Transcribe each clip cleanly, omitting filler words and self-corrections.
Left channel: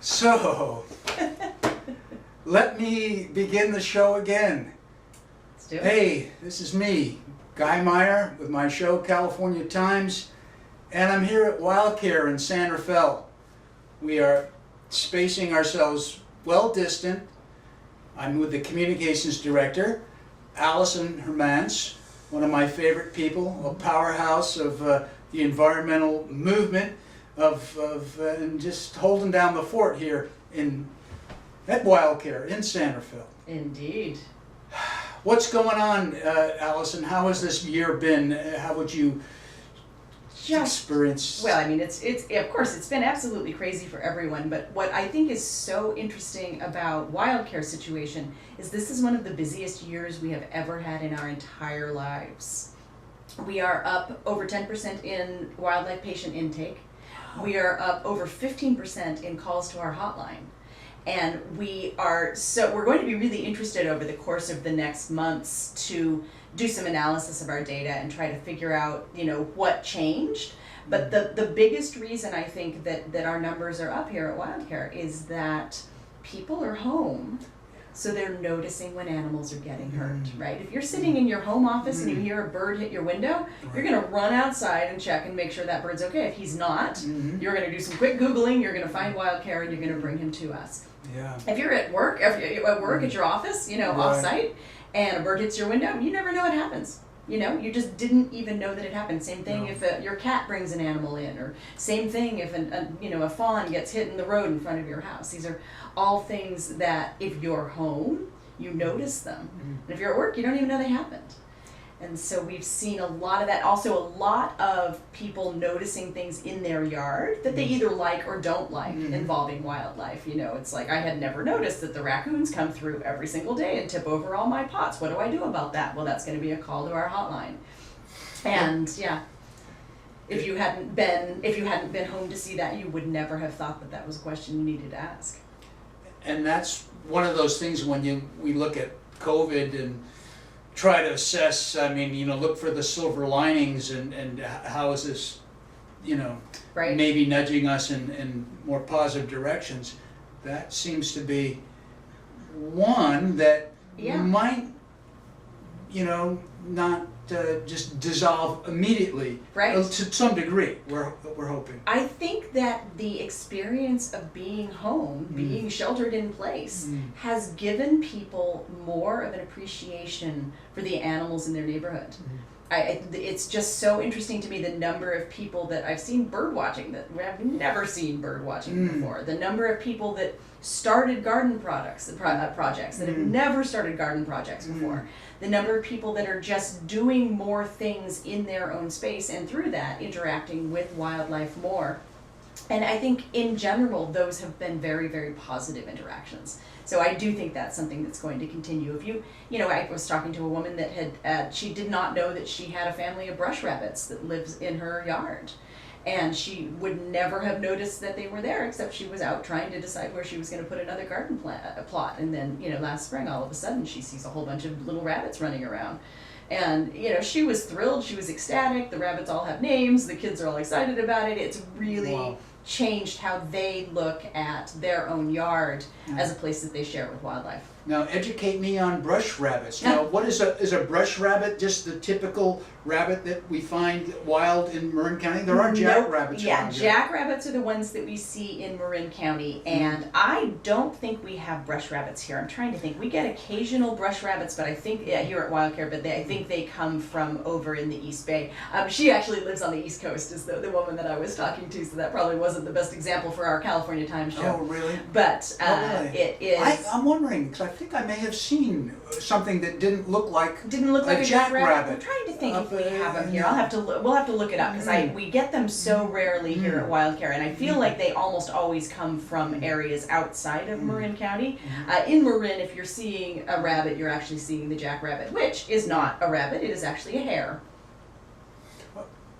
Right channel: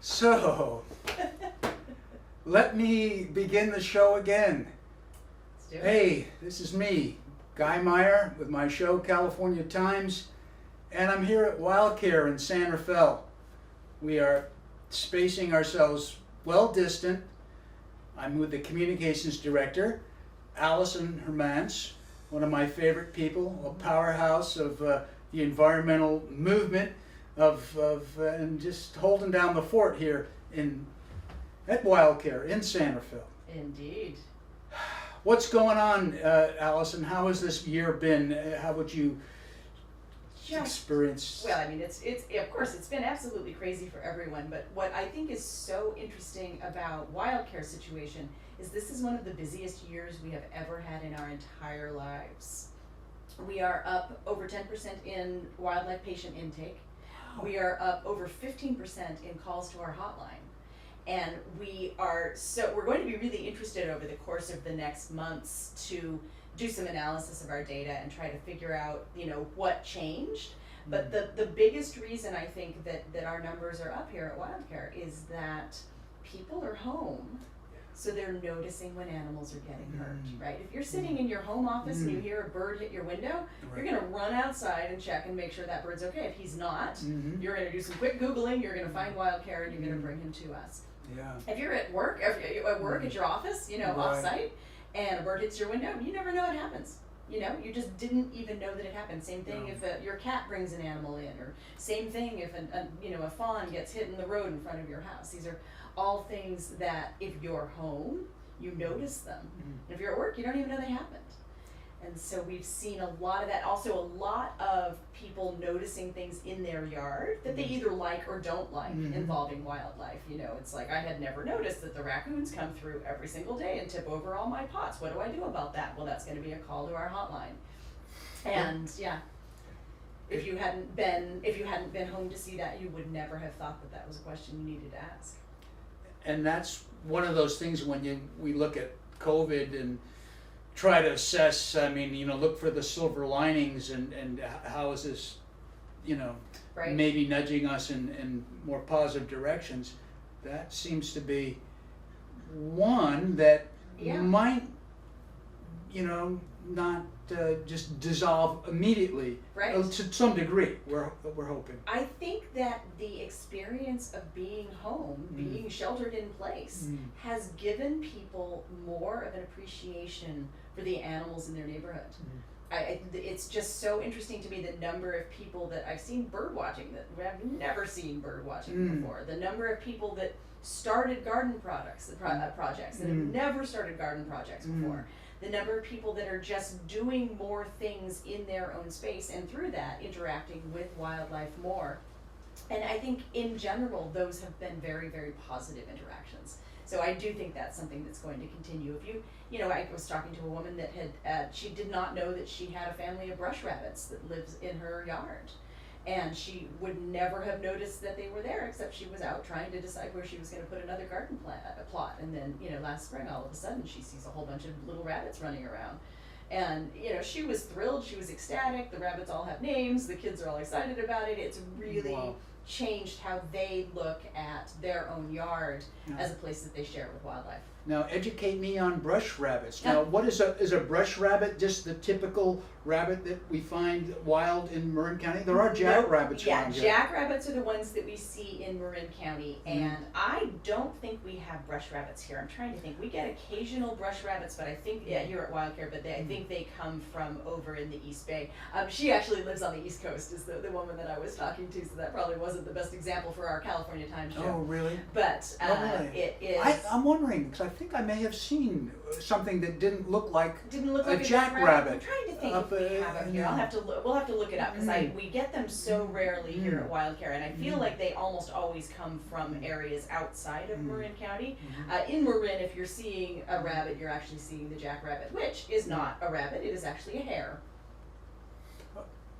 So, let me begin the show again. Let's do it. Hey, this is me, Guy Meyer, with my show California Times, and I'm here at Wildcare in San Rafael. We are spacing ourselves well distant. I'm with the communications director, Alison Hermance, one of my favorite people, a powerhouse of the environmental movement, and just holding down the fort here at Wildcare in San Rafael. Indeed. What's going on, Alison? How has this year been? How would you experience? Well, I mean, it's of course it's been absolutely crazy for everyone. But what I think is so interesting about Wildcare situation is this is one of the busiest years we have ever had in our entire lives. We are up over 10% in wildlife patient intake. We are up over 15% in calls to our hotline. And we're going to be really interested over the course of the next months to do some analysis of our data and try to figure out, what changed. But the biggest reason I think that our numbers are up here at Wildcare is that people are home. So they're noticing when animals are getting hurt, right? If you're sitting in your home office and you hear a bird hit your window, you're gonna run outside and check and make sure that bird's okay. If he's not, you're gonna do some quick Googling, you're gonna find Wildcare and you're gonna bring him to us. Yeah. If you're at work, at your office, off-site, and a bird hits your window, you never know what happens. You just didn't even know that it happened. Same thing if your cat brings an animal in, or same thing if a fawn gets hit in the road in front of your house. These are all things that if you're home, you notice them. And if you're at work, you don't even know they happened. And so we've seen a lot of that. Also, a lot of people noticing things in their yard that they either like or don't like involving wildlife. It's like I had never noticed that the raccoons come through every single day and tip over all my pots. What do I do about that? Well, that's going to be a call to our hotline. And if you hadn't been home to see that, you would never have thought that was a question you needed to ask. And that's one of those things when we look at COVID and try to assess, look for the silver linings and how is this, right, maybe nudging us in more positive directions. That seems to be one that might, not just dissolve immediately. Right. To some degree, we're hoping. I think that the experience of being home, being sheltered in place, has given people more of an appreciation for the animals in their neighborhood. It's just so interesting to me the number of people that I've seen bird watching that I've never seen bird watching before. The number of people that started garden projects that have never started garden projects before. The number of people that are just doing more things in their own space and through that interacting with wildlife more. And I think in general those have been very, very positive interactions. So I do think that's something that's going to continue. If I was talking to a woman that had, she did not know that she had a family of brush rabbits that lives in her yard. And she would never have noticed that they were there, except she was out trying to decide where she was going to put another garden plot. And then, last spring, all of a sudden, she sees a whole bunch of little rabbits running around. And, she was thrilled. She was ecstatic. The rabbits all have names. The kids are all excited about it. It's really changed how they look at their own yard as a place that they share with wildlife. Now, educate me on brush rabbits. Now, what is a brush rabbit? Just the typical rabbit that we find wild in Marin County? There are jackrabbits around here. Jackrabbits are the ones that we see in Marin County, and I don't think we have brush rabbits here. I'm trying to think. We get occasional brush rabbits, but I think here at Wildcare, but I think they come from over in the East Bay. She actually lives on the East Coast, is the woman that I was talking to, so that probably wasn't the best example for our California Times show. Oh, really? But really? It is. I'm wondering, because I think I may have seen something that didn't look like a jackrabbit. I'm trying to think if we have them here. We'll have to look it up because we get them so rarely here at Wildcare, and I feel like they almost always come from areas outside of Marin County. In Marin, if you're seeing a rabbit, you're actually seeing the jackrabbit, which is not a rabbit; it is actually a hare.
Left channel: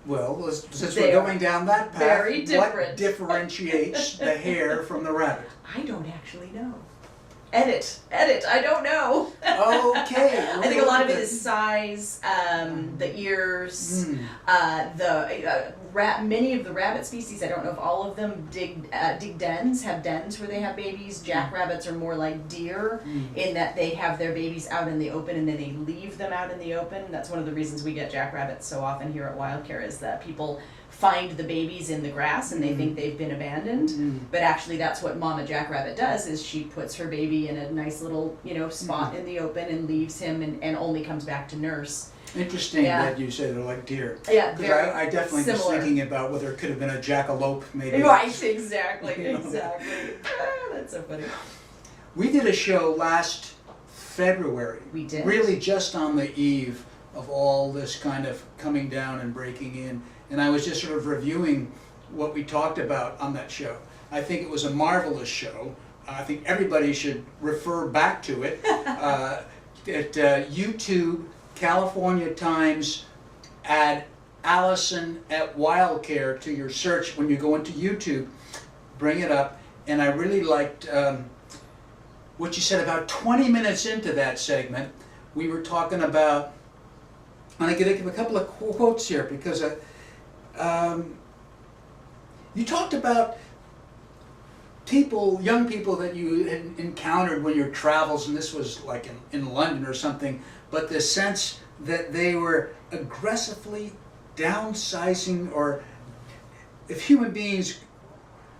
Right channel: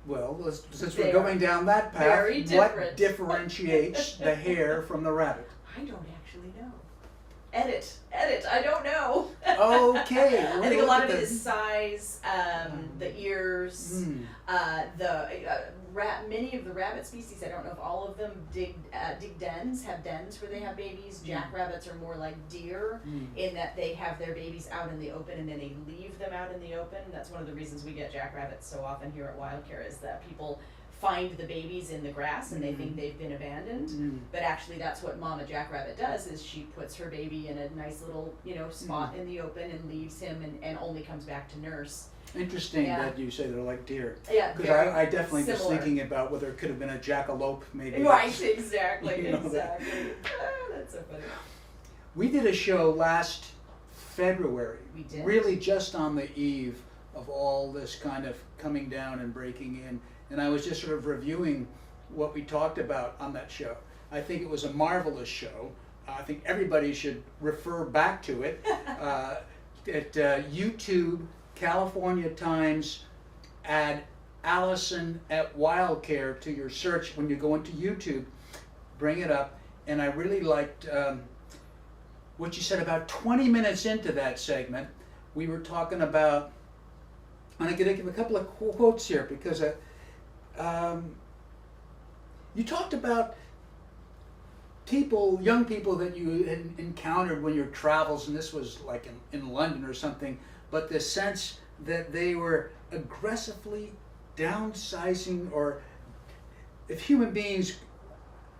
Well, since we're going down that path, very different. What differentiates the hare from the rabbit? I don't actually know. Edit, I don't know. Okay. I think a lot of it is size, the ears, many of the rabbit species, I don't know if all of them dig dens, have dens where they have babies. Jackrabbits are more like deer in that they have their babies out in the open and then they leave them out in the open. That's one of the reasons we get jackrabbits so often here at Wildcare, is that people find the babies in the grass and they think they've been abandoned, but actually that's what Mama Jackrabbit does, is she puts her baby in a nice little, spot in the open and leaves him and only comes back to nurse. Interesting that you say they're like deer. Yeah, because I definitely was similar. thinking about whether it could have been a jackalope, maybe. Right, exactly, You know. exactly. That's so funny. We did a show last February. We did. Really just on the eve of all this kind of coming down and breaking in. And I was just sort of reviewing what we talked about on that show. I think it was a marvelous show. I think everybody should refer back to it. At YouTube, California Times, add Alison at Wildcare to your search when you go into YouTube. Bring it up. And I really liked what you said about 20 minutes into that segment. We were talking about, I'm going to give a couple of quotes here because you talked about young people that you had encountered when your travels, and this was like in London or something, but the sense that they were aggressively downsizing, or if human beings,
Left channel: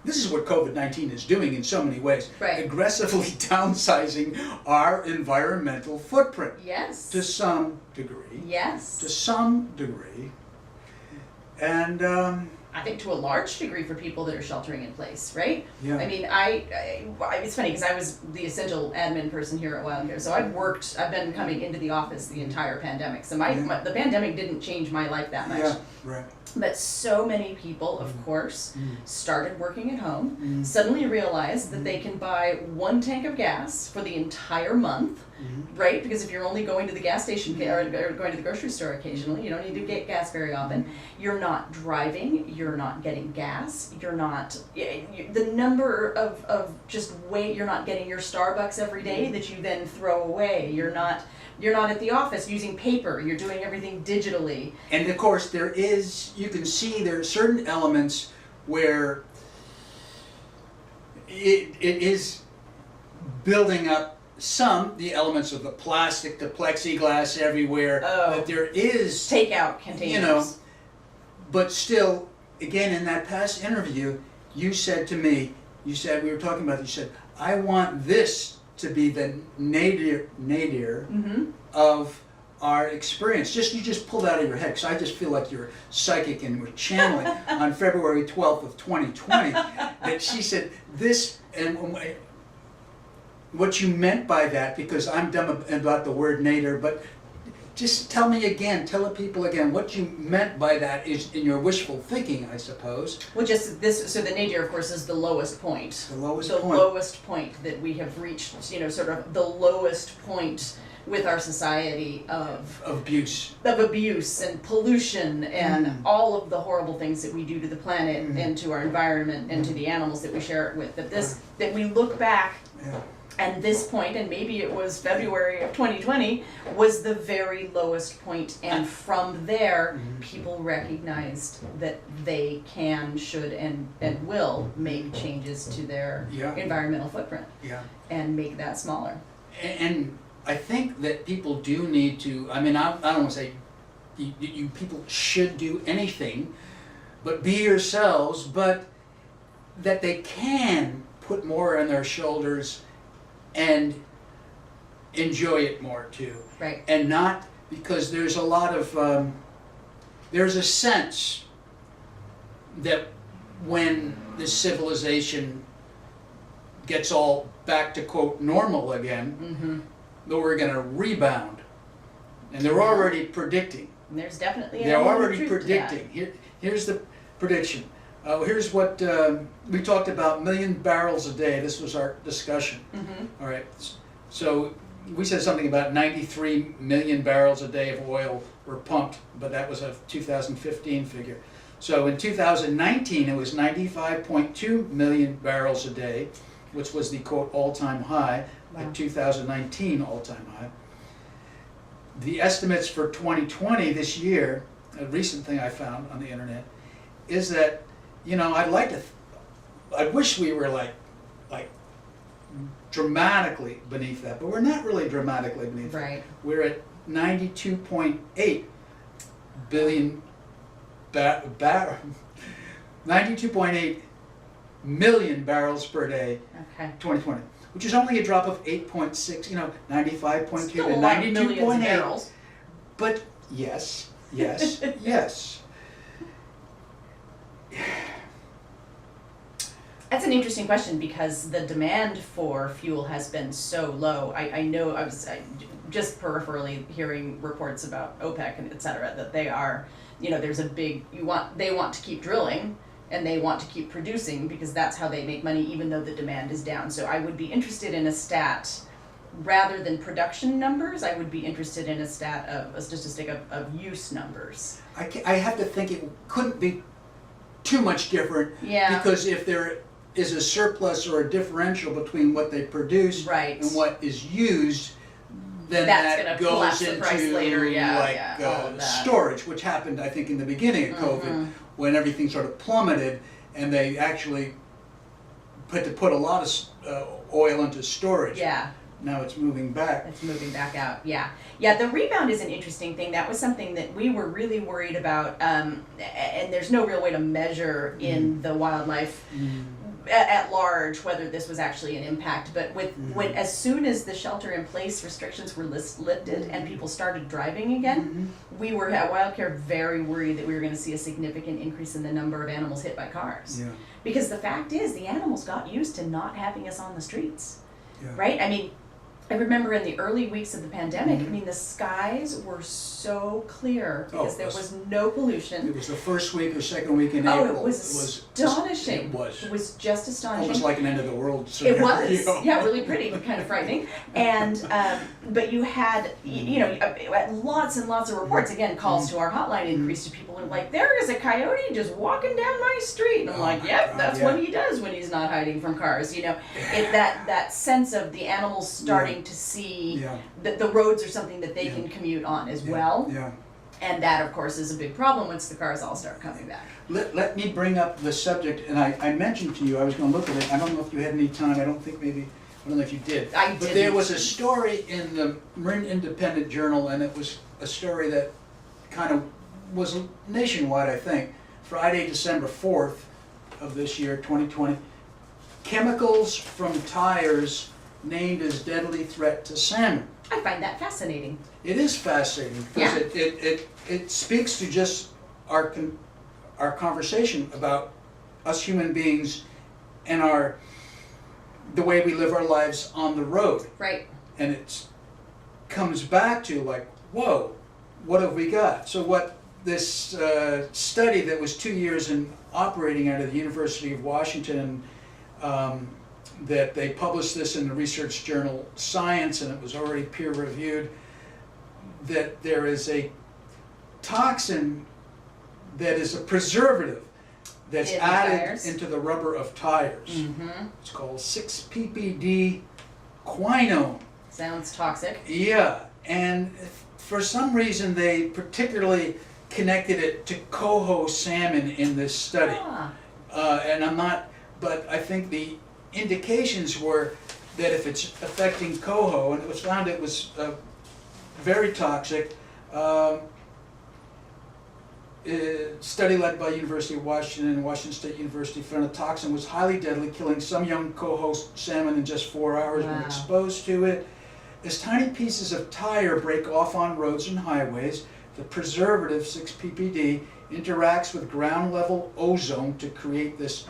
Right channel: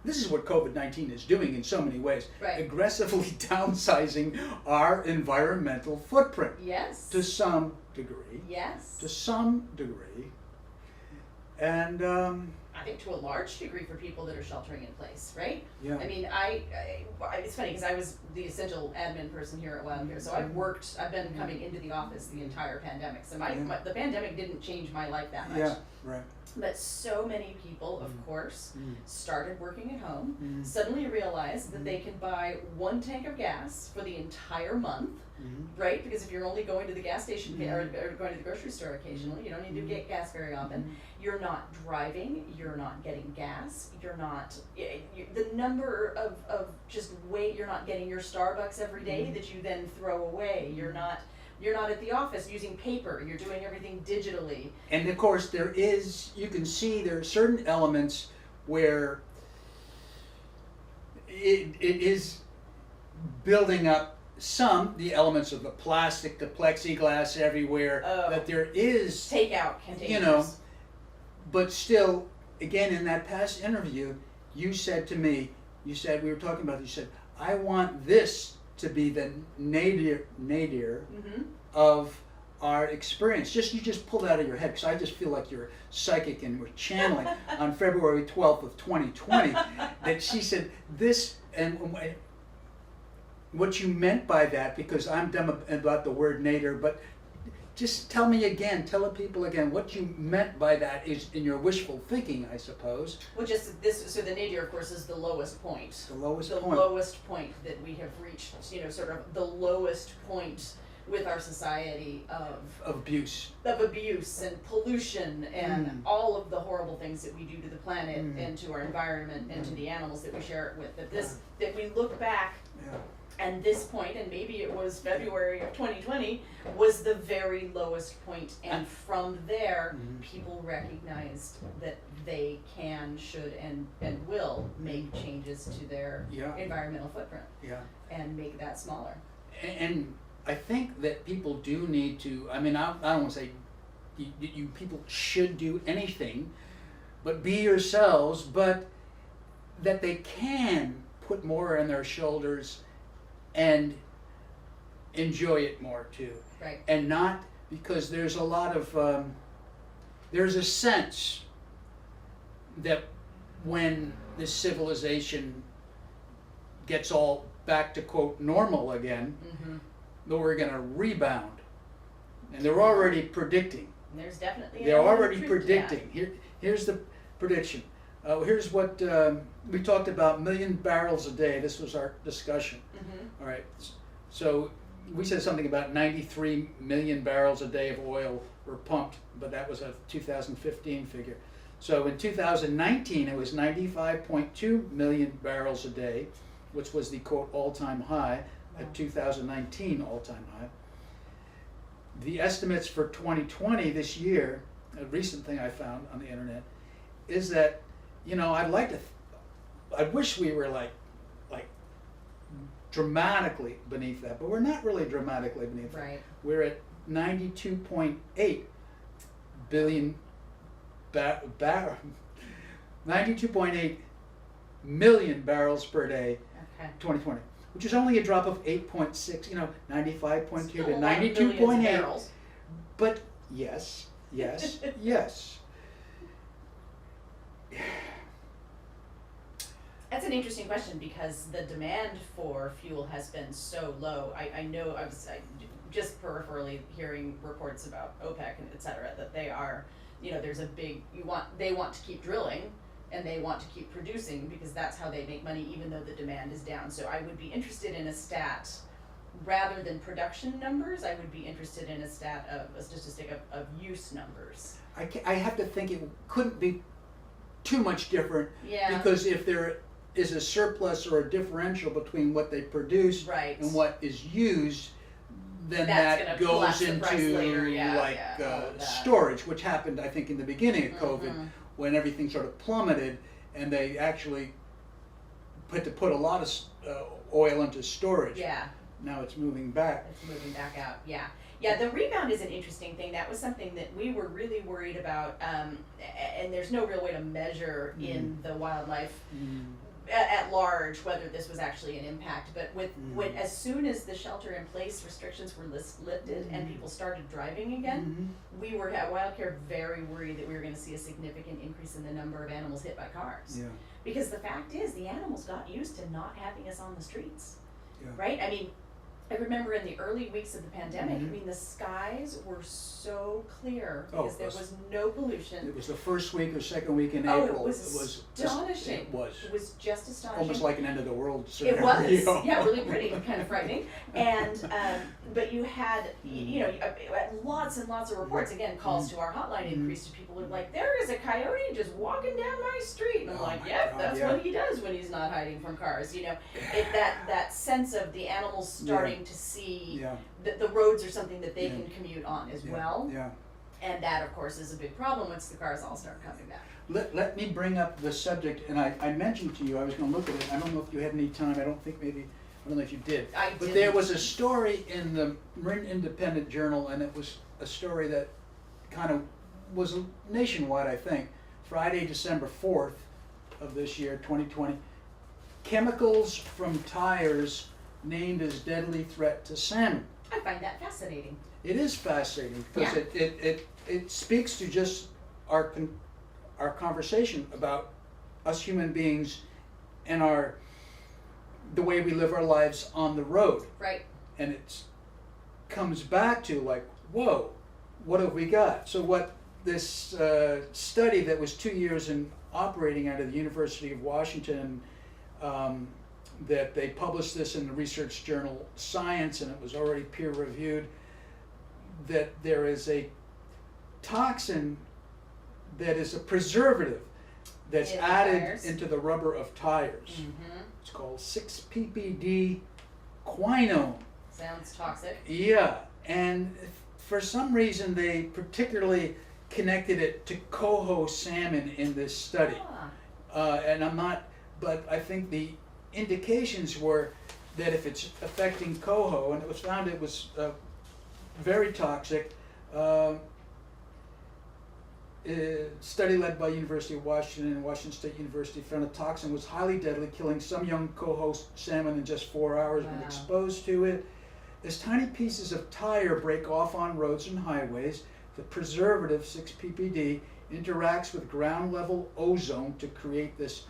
this is what COVID-19 is doing in so many ways, Right. aggressively downsizing our environmental footprint. Yes. To some degree. Yes. To some degree. And I think to a large degree for people that are sheltering in place, right? yeah. I mean, it's funny because I was the essential admin person here at Wildcare, so I've been coming into the office the entire pandemic. So the pandemic didn't change my life that much. Yeah, right. But so many people, of course, started working at home, suddenly realized that they can buy 1 tank of gas for the entire month, right? Because if you're only going to the gas station or going to the grocery store occasionally, you don't need to get gas very often. You're not driving, you're not getting gas, you're not, the number of just weight, you're not getting your Starbucks every day that you then throw away. You're not at the office using paper, you're doing everything digitally. And of course you can see there are certain elements where it is building up the elements of the plastic, the plexiglass everywhere, that there is Takeout containers. But still, again, in that past interview, you said to me, we were talking about this, you said, I want this to be the nadir of our experience. You just pulled out of your head, because I just feel like you're psychic and we're channeling on February 12th of 2020, that she said this, and what you meant by that, because I'm dumb about the word nadir, but just tell the people again what you meant by that is in your wishful thinking, I suppose. Well, just this, so the nadir, of course, is the lowest point. The lowest point. Lowest point that we have reached, sort of the lowest point with our society of abuse and pollution and all of the horrible things that we do to the planet and to our environment and to the animals that we share it with. That we look back. Yeah. And this point, and maybe it was February of 2020, was the very lowest point. And from there, people recognized that they can, should, and will make changes to their environmental footprint and make that smaller. And I think that people do need to, I don't want to say you people should do anything, but be yourselves, but that they can put more on their shoulders and enjoy it more too. Right. And not, because there's a lot of, there's a sense that when this civilization gets all back to quote normal again, that we're going to rebound. And they're already predicting. And there's definitely They're already truth predicting. Here's the prediction. Here's what we talked about: 1 million barrels a day. This was our discussion. All right. So we said something about 93 million barrels a day of oil were pumped, but that was a 2015 figure. So in 2019, it was 95.2 million barrels a day, which was the quote all-time high, the 2019 all-time high. The estimates for 2020 this year, a recent thing I found on the internet, is that, I wish we were like dramatically beneath that, but we're not really dramatically beneath that. Right. We're at 92.8 billion 92.8 million barrels per day, Okay. 2020, which is only a drop of 8.6, 95.2 Still to a lot of millions of 92.8. barrels. But yes, yes. That's an interesting question because the demand for fuel has been so low. I know I was just peripherally hearing reports about OPEC and et cetera, that they are, there's a big, they want to keep drilling and they want to keep producing because that's how they make money even though the demand is down. So I would be interested in a stat, rather than production numbers, I would be interested in a statistic of use numbers. I have to think it couldn't be too much different. Yeah. Because if there is a surplus or a differential between what they produce Right. and what is used, then That's that gonna goes collapse the price into later, yeah, all of that. storage, which happened, I think, in the beginning of COVID, when everything sort of plummeted and they actually had to put a lot of oil into storage. Yeah. Now it's moving back. It's moving back out, yeah. Yeah, the rebound is an interesting thing. That was something that we were really worried about, and there's no real way to measure in the wildlife at large whether this was actually an impact. But when as soon as the shelter-in-place restrictions were lifted and people started driving again, we were at Wildcare very worried that we were going to see a significant increase in the number of animals hit by cars. Yeah. Because the fact is, the animals got used to not having us on the streets. Yeah. Right? I mean, I remember in the early weeks of the pandemic, I mean, the skies were so clear because there was no pollution. It was the first week or second week in Oh, April. it was astonishing. It was. It was just astonishing. Almost like an end of the world It scenario. was, yeah, really pretty, but kind of frightening. And, but you had, lots and lots of reports, again, calls to our hotline increased to people who were like, there is a coyote just walking down my street. And I'm like, yep, that's what he does when he's not hiding from cars, that sense of the animals starting to see that the roads are something that they can commute on as well. Yeah. And that, of course, is a big problem once the cars all start coming back. Let me bring up the subject, and I mentioned to you, I was going to look at it. I don't know if you had any time. I don't know if you did. I But didn't. there was a story in the Marin Independent Journal, and it was a story that kind of was nationwide, I think. Friday, December 4th of this year, 2020. Chemicals from tires named as deadly threat to salmon. I find that fascinating. It is fascinating because it speaks to just our conversation about us human beings and the way we live our lives on the road. Right. And it comes back to like, whoa, what have we got? So what this study that was 2 years in operating out of the University of Washington, that they published this in the research journal Science, and it was already peer reviewed, that there is a toxin that is a preservative that's In the added tires? into the rubber of tires. It's called 6-ppd quinone. Sounds toxic. Yeah, and for some reason they particularly connected it to coho salmon in this study. But I think the indications were that if it's affecting coho, and it was found it was very toxic. Study led by University of Washington and Washington State University found the toxin was highly deadly, killing some young coho salmon in just 4 hours when exposed to it. As tiny pieces of tire break off on roads and highways, the preservative 6-ppd interacts with ground level ozone to create this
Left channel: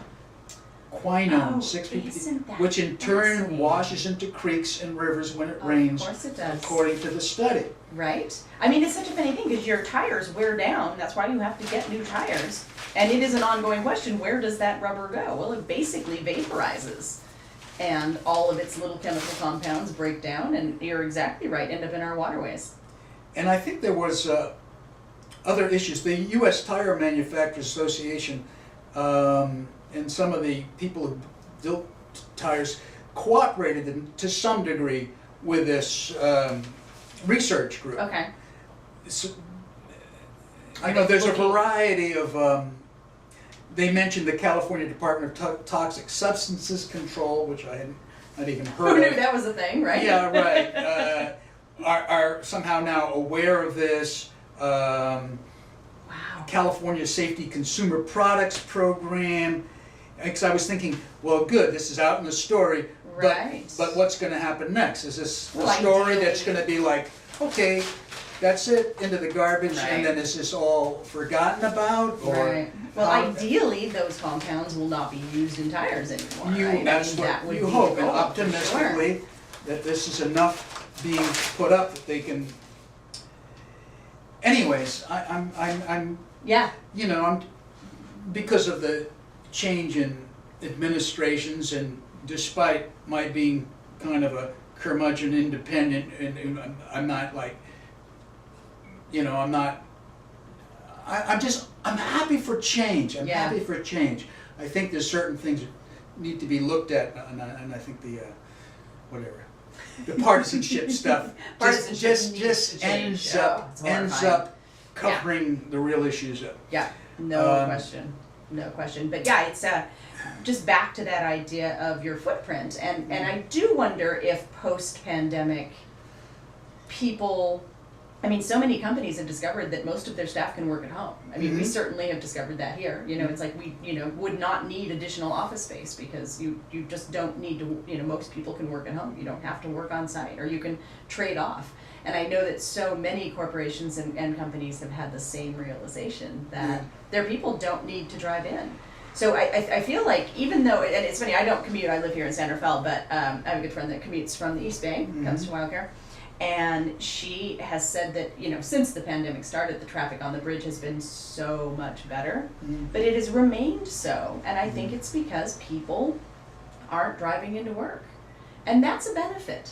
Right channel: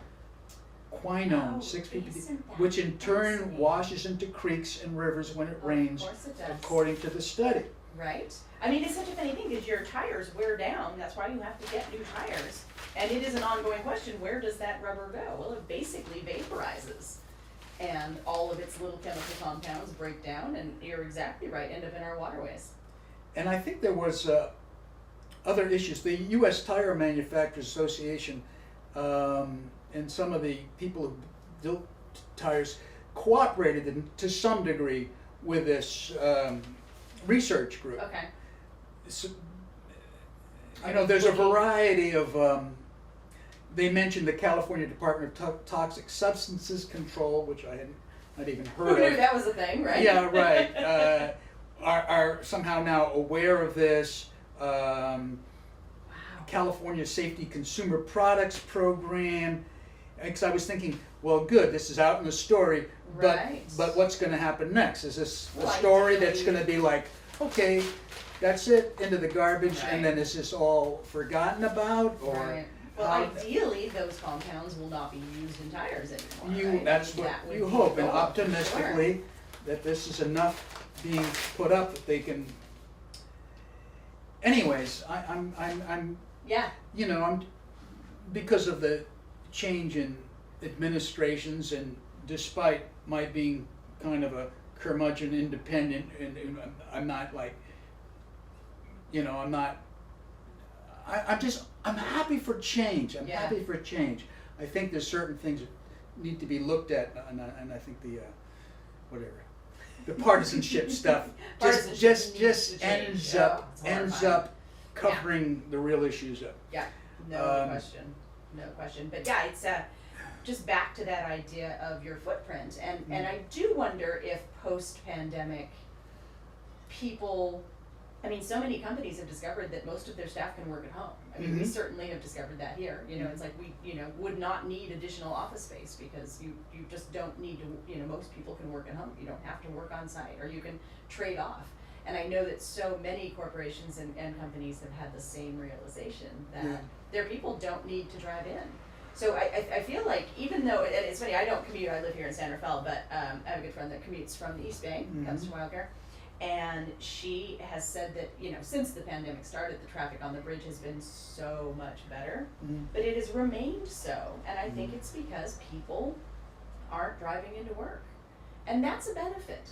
quinone, 6-ppd, which in turn washes into creeks and rivers when it rains, Of course it does. according to the study. Right? I mean, it's such a funny thing because your tires wear down. That's why you have to get new tires. And it is an ongoing question, where does that rubber go? Well, it basically vaporizes. And all of its little chemical compounds break down, and you're exactly right, end up in our waterways. And I think there was other issues. The U.S. Tire Manufacturers Association and some of the people who built tires cooperated to some degree with this research group. Okay. So, I know there's a variety of they mentioned the California Department of Toxic Substances Control, which I hadn't not even heard Who of. knew that was a thing, right? Yeah, right. Are somehow now aware of this. Wow. California Safety Consumer Products Program. Because I was thinking, well, good, this is out in the story, Right. but what's going to happen next? Is this a Well, story ideally- that's going to be like, okay, that's it, into the garbage, Right. and then is this all forgotten about? Or Right. Well, how- ideally, those compounds will not be used in tires anymore, You, right? that's I mean, that what would you be hope, the and goal, for sure. optimistically, that this is enough being put up that they can. Anyways, I'm Yeah. you know, because of the change in administrations, and despite my being kind of a curmudgeon independent, and I'm not like, you know, I'm not. I'm happy for change. I'm Yeah. happy for change. I think there's certain things that need to be looked at, and I think the whatever, the partisanship stuff Partisanship just needs to change. ends Oh, up it's horrifying. covering the real issues up. Yeah. No question. No question. But yeah, it's just back to that idea of your footprint, and I do wonder if post-pandemic people. I mean, so many companies have discovered that most of their staff can work at home. I mean, we certainly have discovered that here. You know, it's like we, would not need additional office space because you just don't need to, most people can work at home. You don't have to work on site, or you can trade off. And I know that so many corporations and companies have had the same realization that their people don't need to drive in. So I feel like, even though, and it's funny, I don't commute, I live here in San Rafael, but I have a good friend that commutes from the East Bay, comes to Wildcare. And she has said that, since the pandemic started, the traffic on the bridge has been so much better, but it has remained so. And I think it's because people aren't driving into work. And that's a benefit.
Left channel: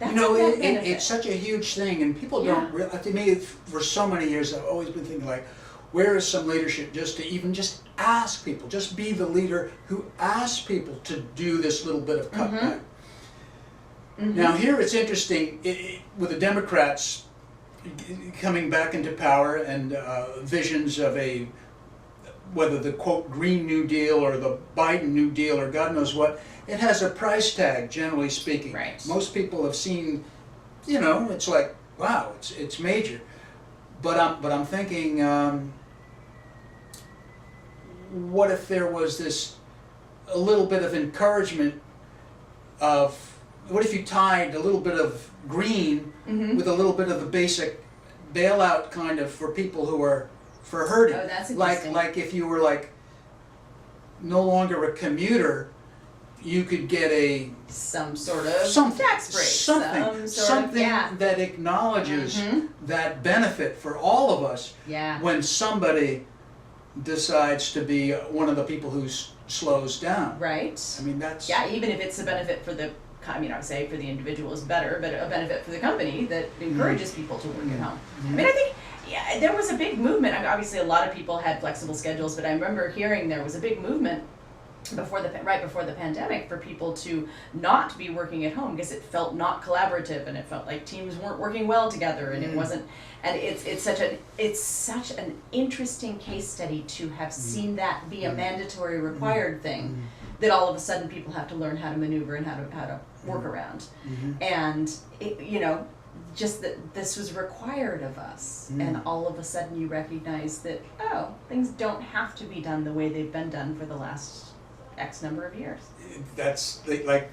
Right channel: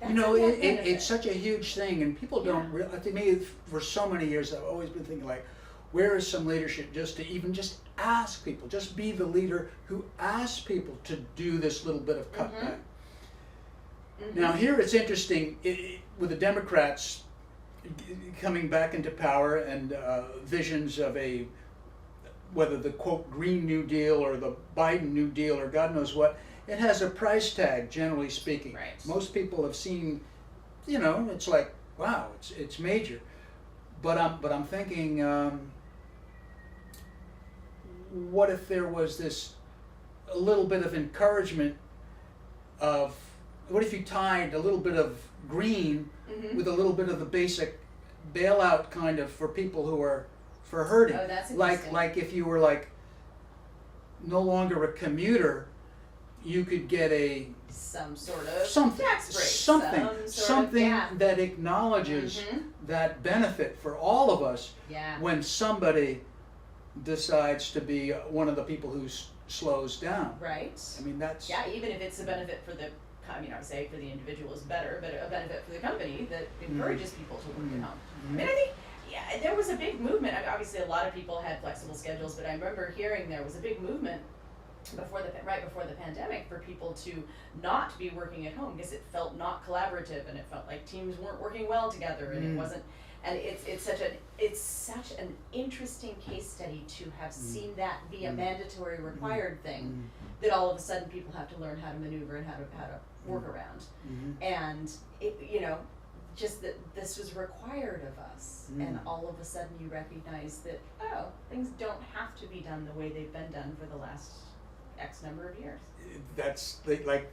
That's a net benefit. It's such a huge thing, and people don't realize. To me, for so many years, I've always been thinking, like, where is some leadership just to ask people, just be the leader who asks people to do this little bit of cutback. Now here it's interesting, with the Democrats coming back into power, and visions of whether the quote Green New Deal or the Biden New Deal or God knows what, it has a price tag, generally speaking. Right. Most people have seen, it's like, wow, it's major. But I'm thinking, what if there was a little bit of encouragement of, what if you tied a little bit of green with a little bit of the basic bailout kind of for people who are for hurting? Oh, that's interesting. Like if you were like no longer a commuter, you could get some sort of tax break, something that acknowledges that benefit for all of us. Yeah. When somebody decides to be one of the people who slows down. Right. I mean, that's even if it's a benefit for the. I mean, I would say for the individual is better, but a benefit for the company that encourages people to work at home. I mean, I think there was a big movement. I mean, obviously, a lot of people had flexible schedules, but I remember hearing there was a big movement right before the pandemic for people to not be working at home because it felt not collaborative, and it felt like teams weren't working well together, and it wasn't. And it's such an interesting case study to have seen that be a mandatory required thing, that all of a sudden people have to learn how to maneuver and how to work around, and just that this was required of us, and all of a sudden you recognize that things don't have to be done the way they've been done for the last X number of years. That's like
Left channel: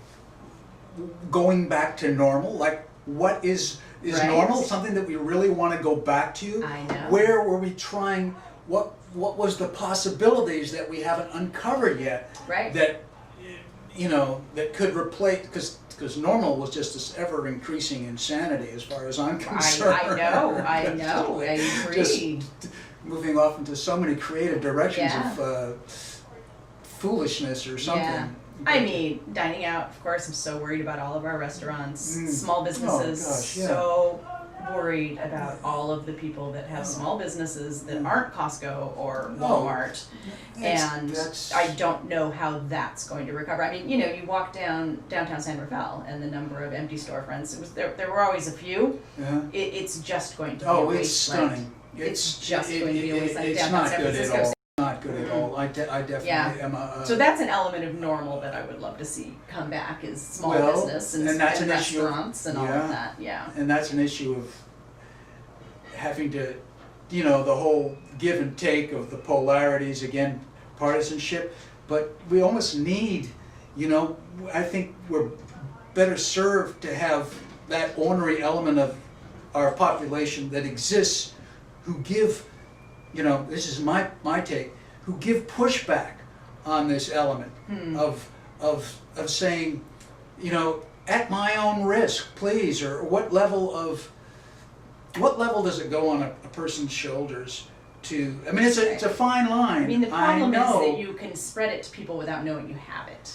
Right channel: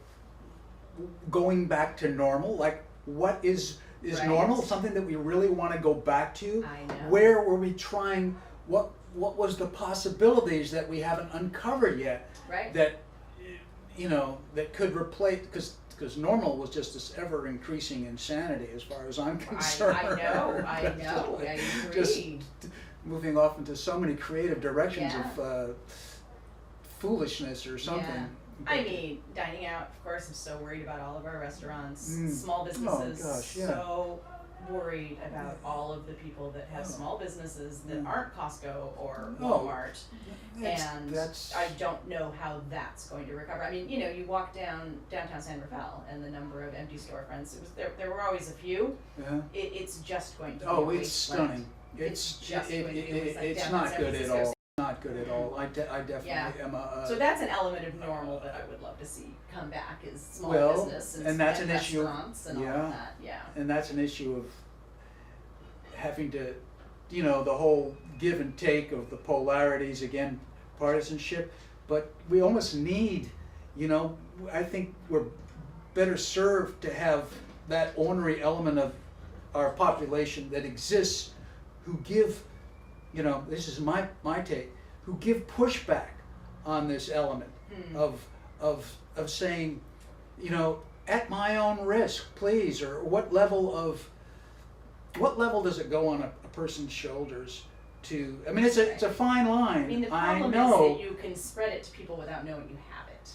going back to normal. Like, what is Right. normal? Something that we really want to go back to. I know. Where were we trying? What was the possibilities that we haven't uncovered yet? Right. That that could replace, because normal was just this ever increasing insanity as far as I'm concerned. I know. I agree. Just moving off into so many creative directions of foolishness or something. Yeah. I mean, dining out, of course, I'm so worried about all of our restaurants, small businesses, Oh, gosh, yeah. so worried about all of the people that have small businesses that aren't Costco or Walmart, and That's I don't know how that's going to recover. I mean, you walk downtown San Rafael, and the number of empty storefronts, there were always a few. It's just going to be a it's wasteland. stunning. It's just going to be a wasteland. It's Downtown not San good at Francisco, all. not good at all. I definitely Yeah. am a. So that's an element of normal that I would love to see come back is small Well, business and that's and an issue. restaurants and all Yeah. of that. Yeah. And that's an issue of having to, the whole give and take of the polarities, again, partisanship. But we almost need, I think we're better served to have that ornery element of our population that exists who give, this is my take, who give pushback on this element of saying, at my own risk, please, or what level does it go on a person's shoulders to, I mean, it's a fine line. I mean, the problem is know. that you can spread it to people without knowing you have it.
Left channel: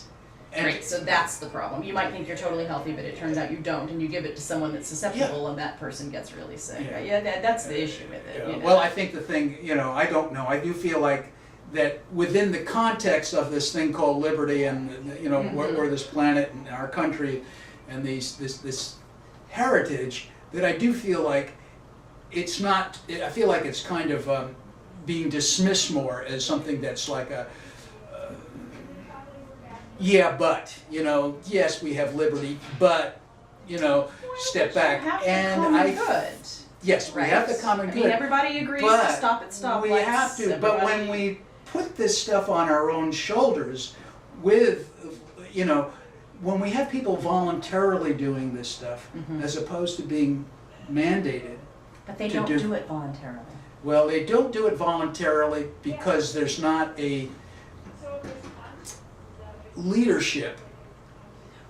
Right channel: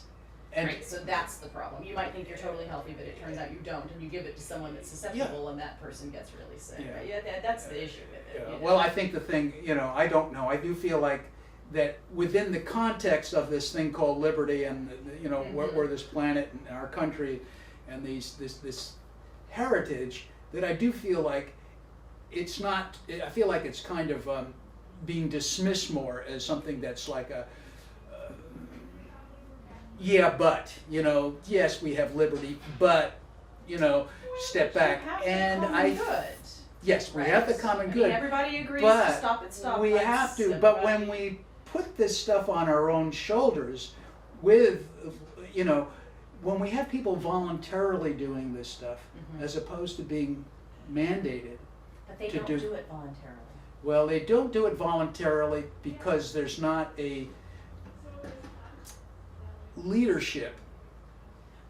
And- Right, so that's the problem. You might think you're totally healthy, but it turns out you don't, and you give it to someone that's susceptible, and that person gets really sick. Yeah. That's the issue with it. Yeah. Well, I think the thing, I don't know. I do feel like that within the context of this thing called liberty and, where this planet and our country and this heritage, that I do feel like it's not, I feel like it's kind of being dismissed more as something that's like a, but, yes, we have liberty, but, step back. You have And the common good. Yes, we Right? have the common I good. mean, everybody agrees but to stop at stoplights. we have to, but when we put this stuff on our own shoulders with, when we have people voluntarily doing this stuff, as opposed to being mandated. But they to don't do- do it voluntarily. Well, they don't do it voluntarily because there's not a leadership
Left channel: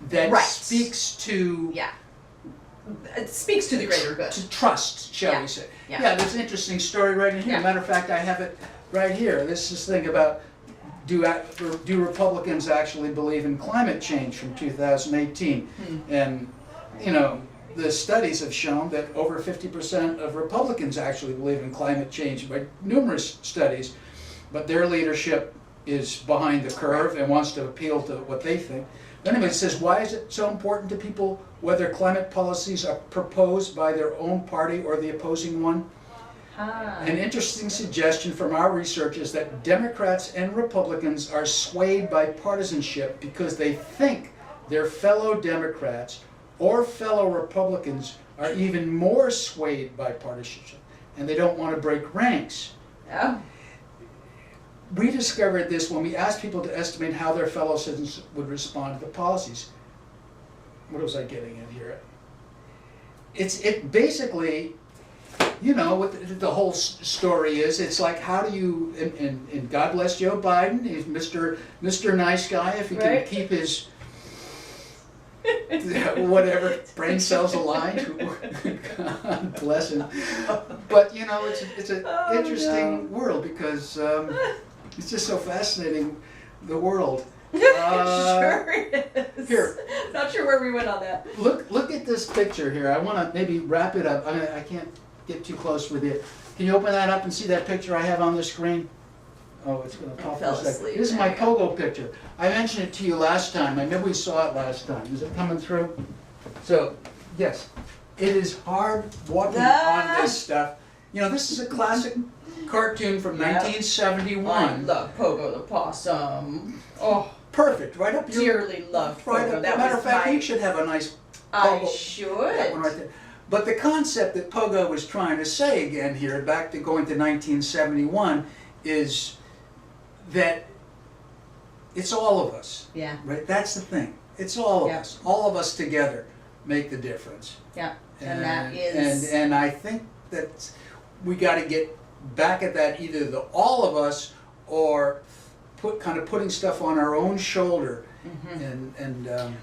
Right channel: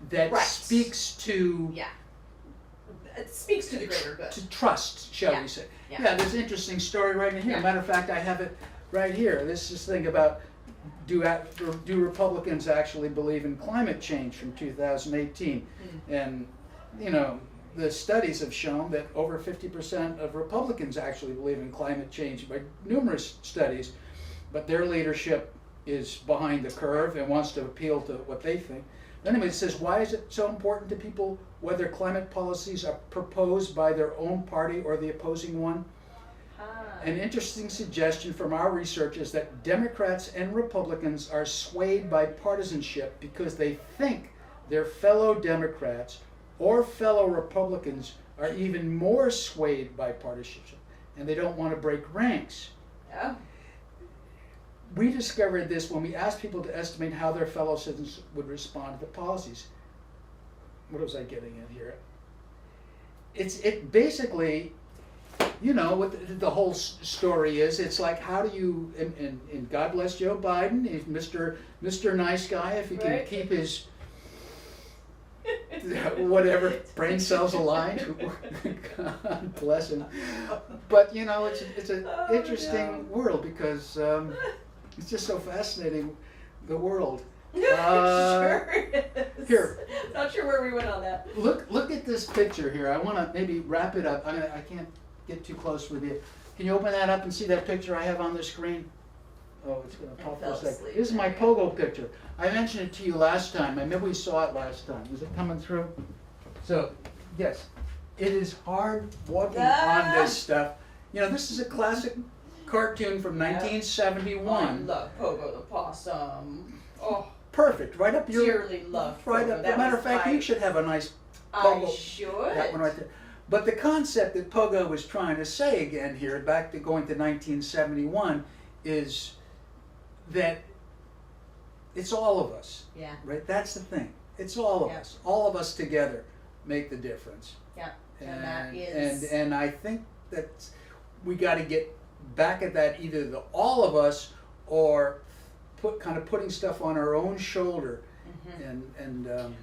that Right. speaks to Yeah. It speaks to the greater good. to trust, shall Yeah. we say. Yeah. There's an interesting story right in here. Yeah. Matter of fact, I have it right here. This is thing about do Republicans actually believe in climate change from 2018? And, the studies have shown that over 50% of Republicans actually believe in climate change by numerous studies, but their leadership is behind the curve and wants to appeal to what they think. Anyway, it says, why is it so important to people whether climate policies are proposed by their own party or the opposing one? An interesting suggestion from our research is that Democrats and Republicans are swayed by partisanship because they think their fellow Democrats or fellow Republicans are even more swayed by partisanship, and they don't want to break ranks. Oh. We discovered this when we asked people to estimate how their fellow citizens would respond to the policies. What was I getting at here? It basically, what the whole story is. It's like, how do you, and God bless Joe Biden, he's Mr. Nice Guy, if he can Right. keep his whatever brain cells aligned. God bless him. But it's an interesting world because it's just so fascinating, the world. Sure is. Here. Not sure where we went on that. Look at this picture here. I want to maybe wrap it up. I can't get too close with it. Can you open that up and see that picture I have on the screen? Oh, it's going to pop fell for a second. asleep. This is There my you go. pogo picture. I mentioned it to you last time. I remember we saw it last time. Is it coming through? So, yes, it is hard walking on this stuff. This is a classic cartoon from Yep. 1971. I love Pogo the possum. Oh, Perfect, right up your... dearly loved Right Pogo. up. That Matter was of fact, my, you should have a nice I Pogo. should. That one right there. But the concept that Pogo was trying to say again here, back to going to 1971, is that it's all of us, Yeah. right? That's the thing. It's all of Yeah. us. All of us together make the difference. Yeah. And that is. And I think that we got to get back at that, either the all of us or putting stuff on our own shoulder.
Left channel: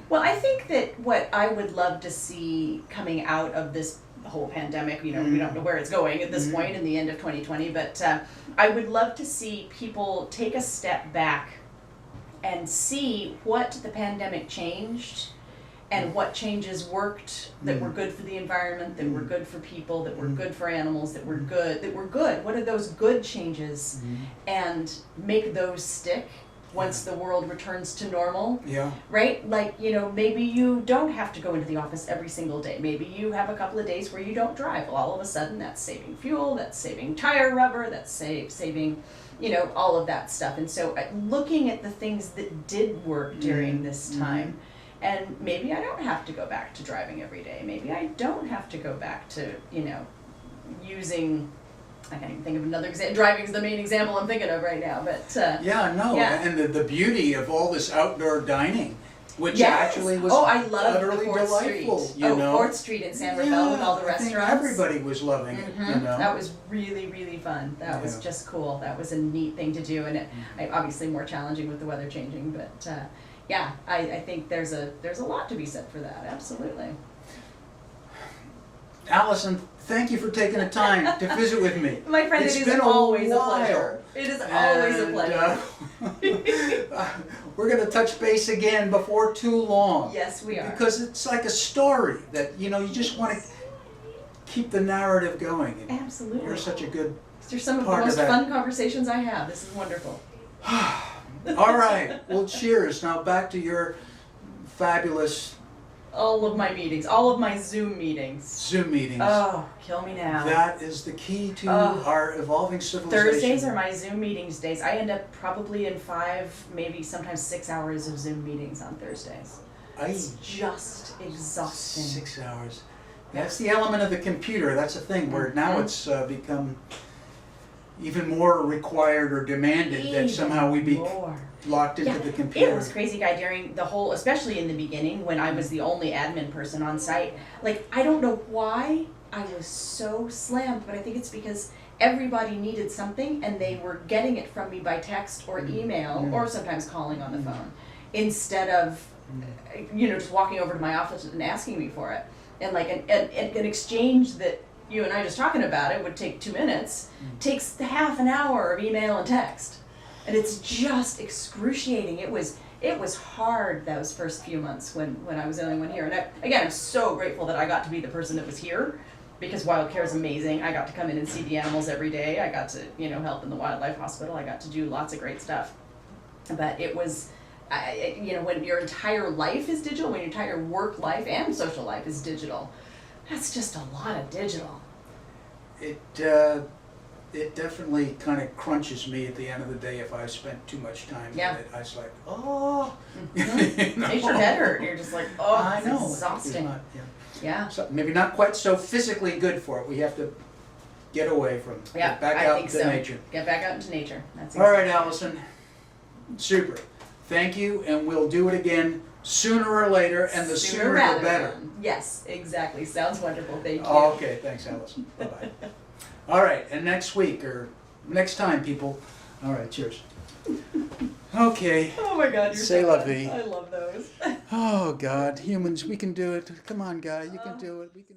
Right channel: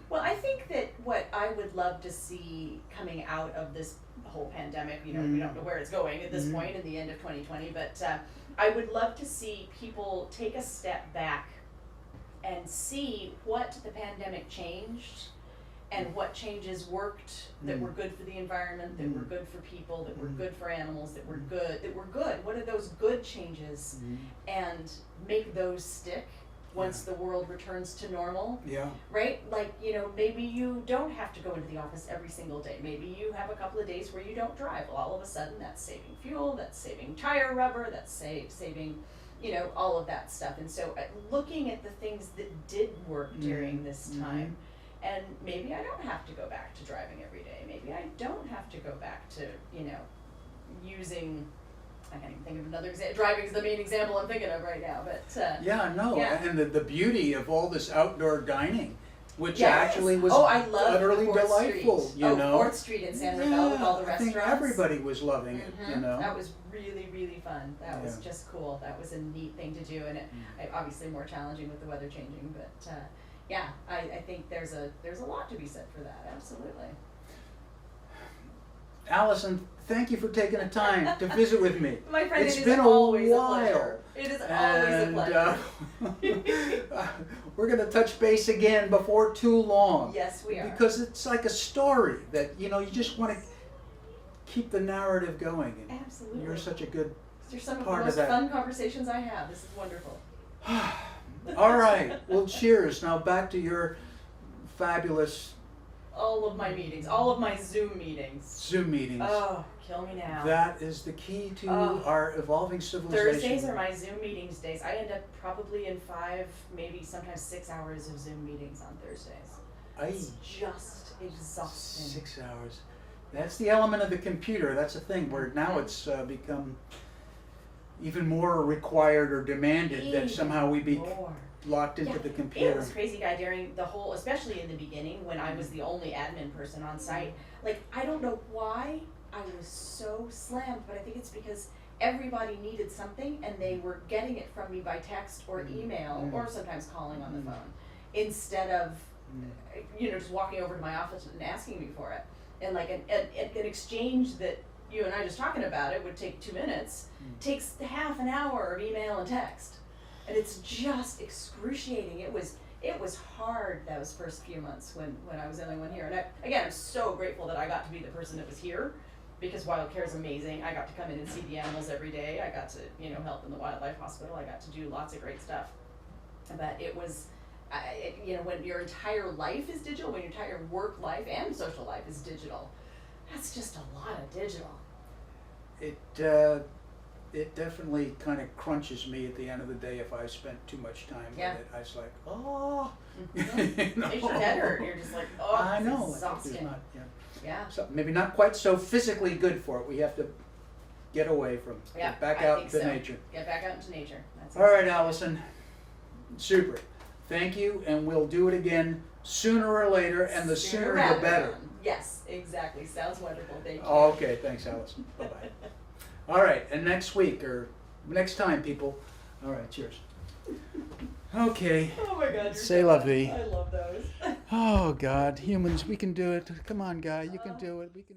Well, I think that what I would love to see coming out of this whole pandemic, we don't know where it's going at this point in the end of 2020, but I would love to see people take a step back and see what the pandemic changed and what changes worked that were good for the environment, that were good for people, that were good for animals, that were good. What are those good changes? And make those stick once the world returns to normal. Yeah. Right? Like, maybe you don't have to go into the office every single day. Maybe you have a couple of days where you don't drive. Well, all of a sudden that's saving fuel, that's saving tire rubber, that's saving you know, all of that stuff. And so looking at the things that did work during this time, and maybe I don't have to go back to driving every day. Maybe I don't have to go back to, you know, using, I can't even think of another example. Driving is the main example I'm thinking of right now, but yeah, no, yeah. and the beauty of all this outdoor dining, which Yes. actually was I love utterly the 4th delightful, Street. you know. 4th Street in San Rafael with all the I think restaurants. everybody was loving it, you know. That was really, really fun. That was just cool. That was a neat thing to do, and obviously more challenging with the weather changing. But yeah, I think there's a lot to be said for that. Absolutely. Allison, thank you for taking the time to visit with me. My friend, It's it is been always a while. pleasure. It is always a pleasure. We're going to touch base again before too long. Yes, we are. Because it's like a story that, you know, you just want to keep the narrative going. And Absolutely. you're such a good These are some of the part of most that. fun conversations I have. This is wonderful. All right. Well, cheers. Now back to your fabulous All of my meetings, all of my Zoom meetings. Zoom meetings. Oh, kill me now. That is the key to Oh. our evolving civilization. Thursdays are my Zoom meetings days. I end up probably in 5, maybe sometimes 6 hours of Zoom meetings on Thursdays. It's just exhausting. 6 hours. That's the element of the computer. That's the thing where now Mhm. it's become even more required or demanded that somehow we be More. locked into Yeah, the computer. It was crazy, Guy, during the whole, especially in the beginning when I was the only admin person on site. Like, I don't know why I was so slammed, but I think it's because everybody needed something and they were getting it from me by text or email or sometimes calling on the phone instead of, you know, just walking over to my office and asking me for it. And like an exchange that you and I just talking about it would take 2 minutes, takes half an hour of email and text. And it's just excruciating. It was hard those first few months when I was the only one here. And again, I'm so grateful that I got to be the person that was here because Wildcare is amazing. I got to come in and see the animals every day. I got to, you know, help in the wildlife hospital. I got to do lots of great stuff. But it was, you know, when your entire life is digital, when your entire work life and social life is digital, that's just a lot of digital. It definitely kind of crunches me at the end of the day if I've spent too much time with it. I was like, oh. You know? Makes your head hurt. You're just like, oh, I know. it's exhausting. Not, Yeah. So maybe not quite so physically good for it. We have to get away from, get back out into nature. Get back out into nature. That's All right, Allison. Super. Thank you, and we'll do it again sooner or later, and the sooner the better. Yes, exactly. Sounds wonderful. Thank you. Okay, thanks, Allison. Bye-bye. All right, and next week, or next time, people. All right, cheers. Okay. Oh my God, you're C'est so la fun. vie. I love those. Oh, God, humans, we can do it. Come on, guy, you can do it. We can.